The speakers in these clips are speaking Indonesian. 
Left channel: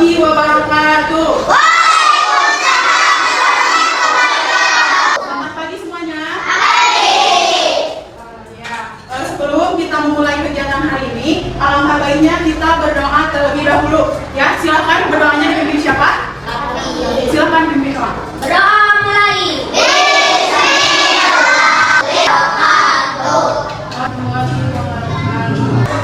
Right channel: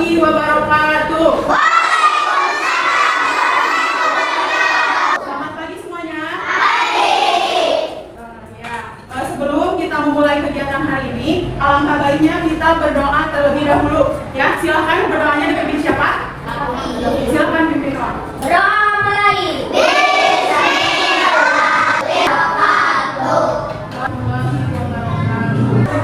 warahmatullahi wabarakatuh. Selamat pagi semuanya. Ya, sebelum kita memulai kegiatan hari ini, alangkah baiknya kita berdoa terlebih dahulu. Ya, silakan berdoanya dipimpin siapa? Silakan pimpin doa. Berdoa mulai.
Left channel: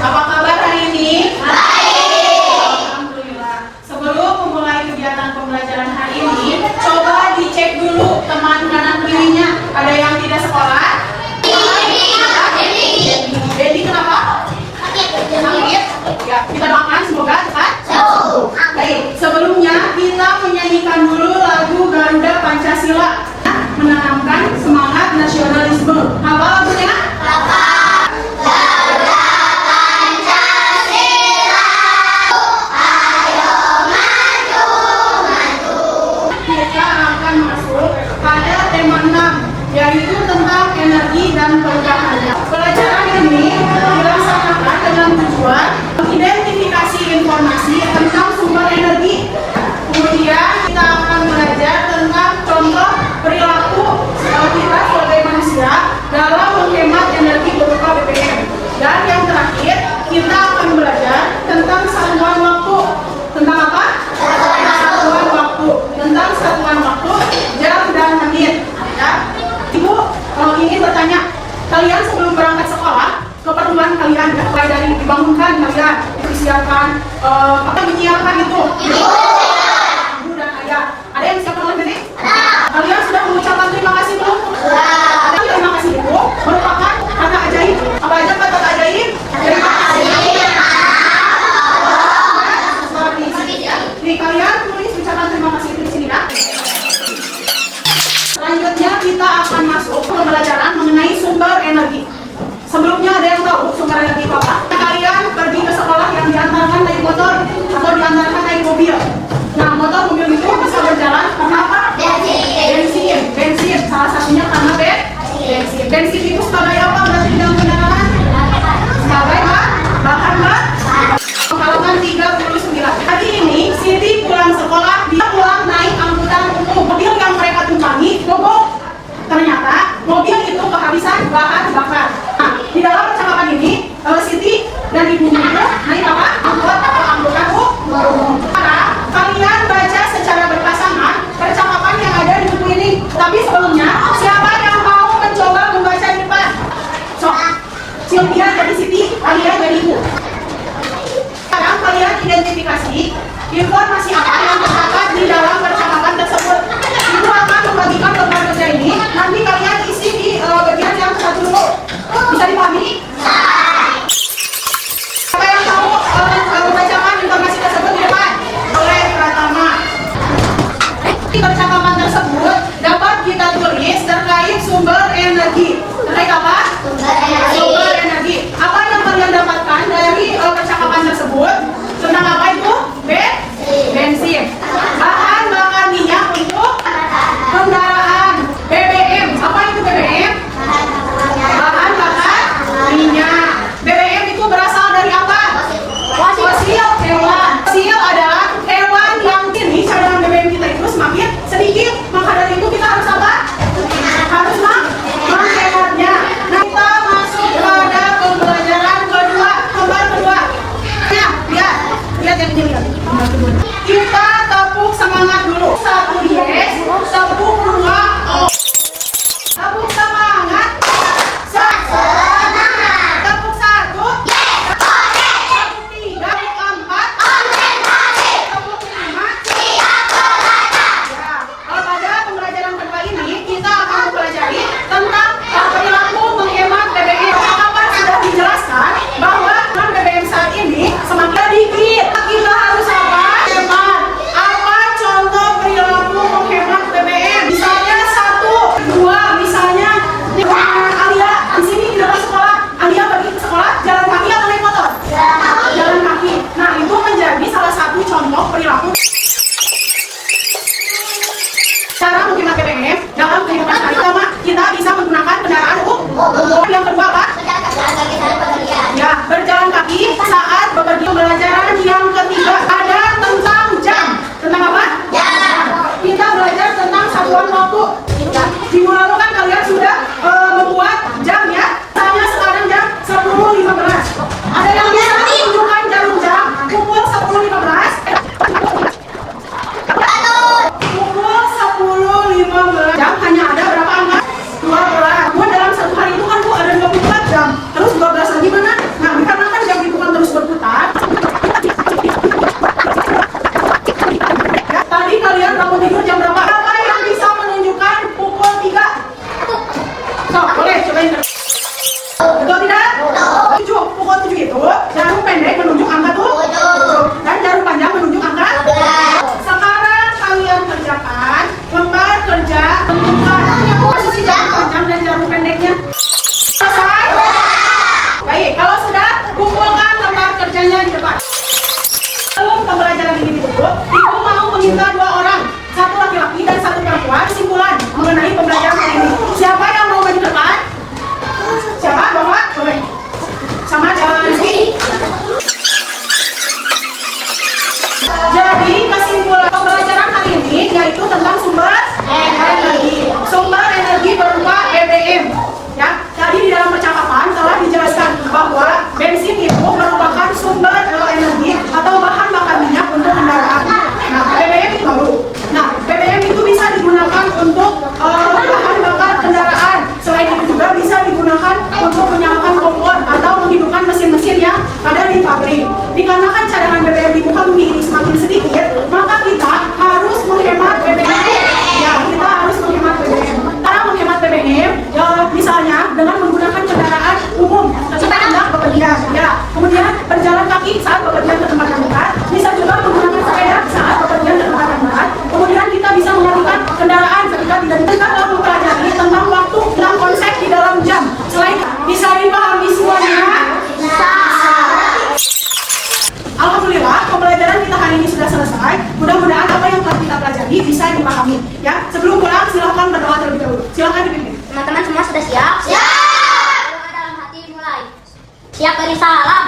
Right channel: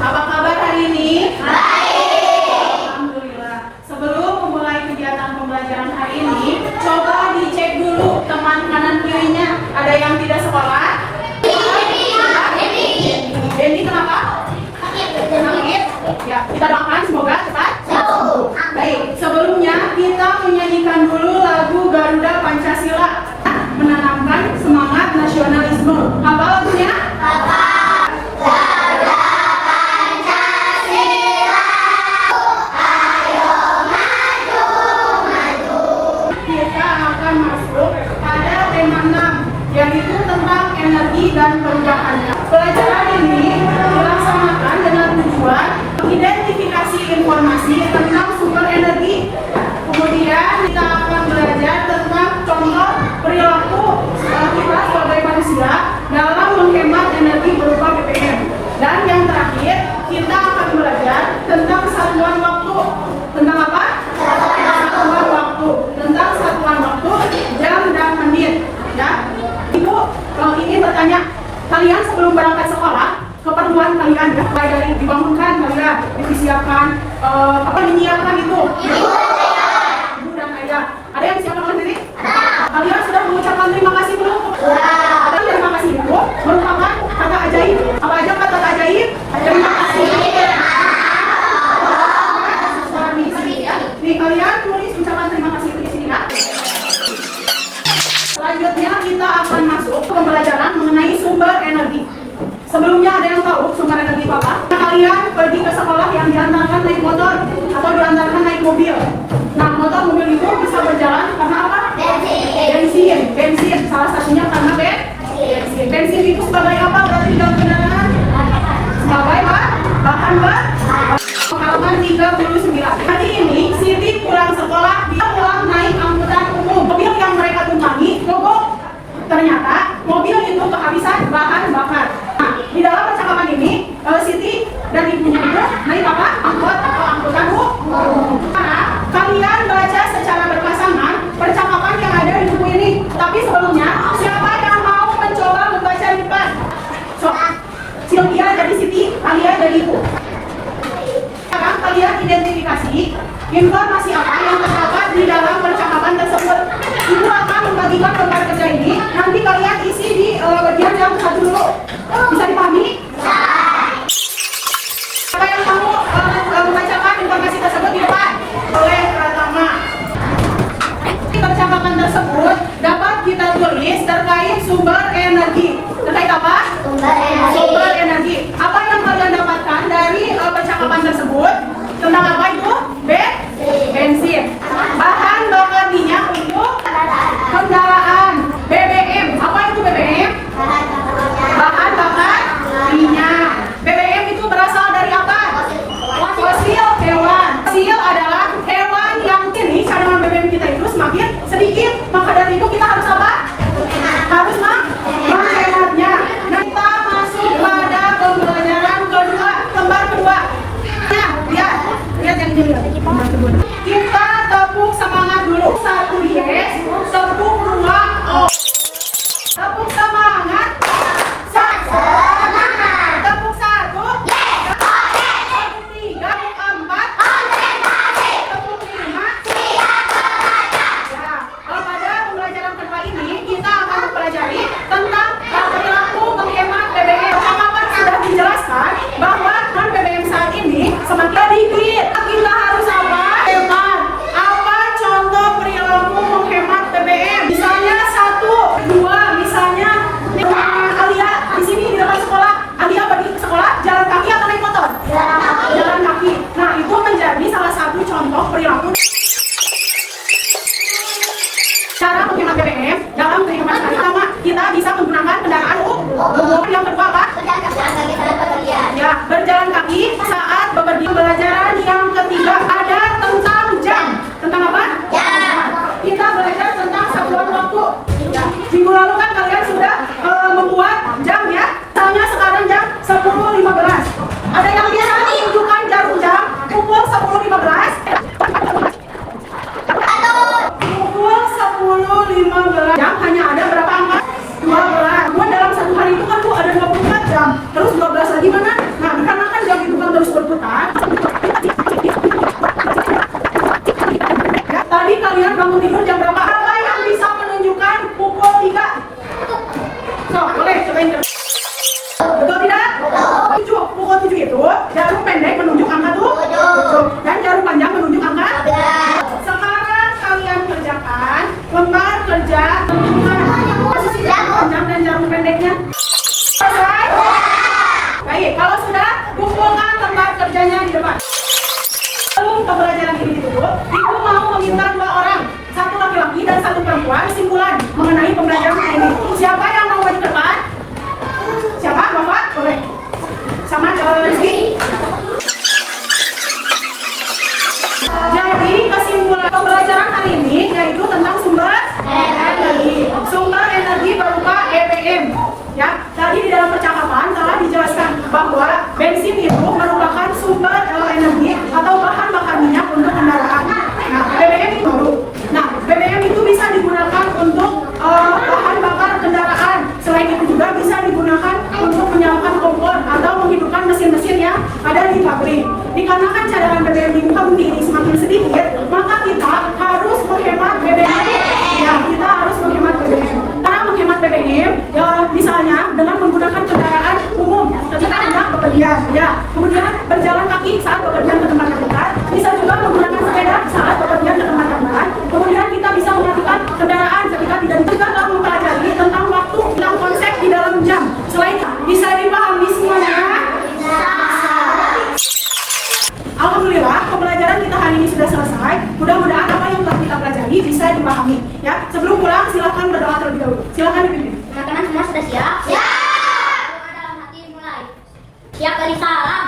Apa kabar hari ini? Baik. Alhamdulillah. Sebelum memulai kegiatan pembelajaran hari ini, coba dicek dulu teman kanan kirinya. Ada yang tidak sekolah? Dendi kenapa? Sakit? Ya, kita doakan semoga cepat sembuh. Baik, sebelumnya kita menyanyikan dulu lagu Garuda Pancasila, menanamkan semangat nasionalisme. Apa lagunya? Kita akan masuk pada tema 6, yaitu tentang energi dan perubahannya. Pelajaran ini dilaksanakan dengan tujuan mengidentifikasi informasi tentang sumber energi. Kemudian kita akan belajar tentang contoh perilaku kita sebagai manusia dalam menghemat energi berupa BBM. Dan yang terakhir, kita akan belajar tentang satuan waktu. Tentang apa? Satuan waktu. Tentang satuan waktu, jam dan menit. Ya, Ibu ingin bertanya, kalian sebelum berangkat sekolah, keperluan kalian ya, mulai dari dibangunkan kalian, disiapkan, menyiapkan itu. Ibu dan ayah. Ada yang siapkan sendiri? Kalian sudah mengucapkan terima kasih belum? Ada terima kasih Ibu merupakan kata ajaib. Apa aja kata ajaib? Terima kasih. Nih kalian tulis ucapan terima kasih di sini ya. Selanjutnya kita akan masuk ke pembelajaran mengenai sumber energi. Sebelumnya ada yang tahu sumber energi apa? Kalian pergi ke sekolah yang diantarkan naik motor atau diantarkan naik mobil. Nah, motor mobil itu bisa berjalan karena apa? Bensin. Salah satunya karena bensin. Bensin itu sebagai apa berarti dalam kendaraan? Sebagai bahan bakar. Halaman 39. Hari ini Siti pulang sekolah, dia pulang naik angkutan umum. Mobil yang mereka tumpangi mogok. Ternyata mobil itu kehabisan bahan bakar. Nah, di dalam percakapan ini Siti dan ibunya itu naik apa? Angkutan umum. Kalian baca secara berpasangan percakapan yang ada di buku ini. Tapi sebelumnya, siapa yang mau mencoba membaca di depan? Sylvia jadi Siti, Alia jadi ibu. Sekarang kalian identifikasi informasi apa yang terdapat di dalam percakapan tersebut. Ibu akan membagikan lembar kerja ini. Nanti kalian isi di bagian yang satu dulu. Bisa dipahami? Siapa yang mau membacakan informasi tersebut di depan? Oleh Pratama. Di percakapan tersebut dapat kita tulis terkait sumber energi. Terkait apa? Sumber energi. Apa yang kalian dapatkan dari percakapan tersebut? Tentang apa itu? Bensin. Bahan bakar minyak untuk kendaraan. BBM. Apa itu BBM? Bahan bakar minyak. BBM itu berasal dari apa? Fosil hewan. Fosil adalah hewan yang kini cadangan BBM kita itu semakin sedikit. Maka dari itu kita harus apa? Harus menghematnya. Nah, kita masuk pada pembelajaran kedua, lembar kedua. Nah, lihat yang dilihat lembar kedua. Kita tepuk semangat dulu. 1 yes, tepuk 2 oh. Tepuk semangat. Tepuk 1 yes. Tepuk 3, tepuk 4 tepuk 5 ya. Pada pembelajaran kedua ini kita akan mempelajari tentang perilaku menghemat BBM. Percakapan sudah dijelaskan bahwa BBM saat ini semakin sedikit. Kita harus apa? Hemat. Apa contoh perilaku menghemat BBM? Misalnya 1, 2, misalnya Alia di sini di depan sekolah. Alia pergi ke sekolah jalan kaki atau naik motor? Jalan kaki. Nah, itu menjadi salah satu contoh perilaku cara menghemat BBM dalam kehidupan sehari-hari. Pertama, kita bisa menggunakan kendaraan umum. Yang kedua apa? Ya, berjalan kaki saat bepergian. Pembelajaran yang ketiga ada tentang jam. bahwa bensin itu merupakan sumber energi atau bahan bakar minyak untuk kendaraan. Nah, BBM itu baru. Nah, BBM itu bisa digunakan untuk bahan bakar kendaraan. Selain itu juga bisa digunakan untuk menyalakan kompor atau menghidupkan mesin-mesin yang ada di pabrik. Dikarenakan cadangan BBM di muka bumi ini semakin sedikit, maka kita harus menghemat BBM. Ya, kita harus menghemat BBM. Cara menghemat BBM, ya misalnya dengan menggunakan kendaraan umum ketika hendak bepergian. Ya, kemudian berjalan kaki saat bepergian ke tempat yang dekat. Bisa juga menggunakan sepeda saat bepergian ke tempat yang dekat. Kemudian kita bisa mematikan kendaraan ketika tidak kita telah mempelajari tentang waktu dan konsep di dalam jam. Selain bisa dipahami semuanya. Alhamdulillah, pembelajaran kita hari ini sudah selesai. Mudah-mudahan apa yang telah kita pelajari bisa dipahami. Ya, sebelum pulang silakan berdoa terlebih dahulu. Silakan dipimpin. Teman-teman semua sudah siap? Siap. Doa dalam hati mulai. Siap dari salam.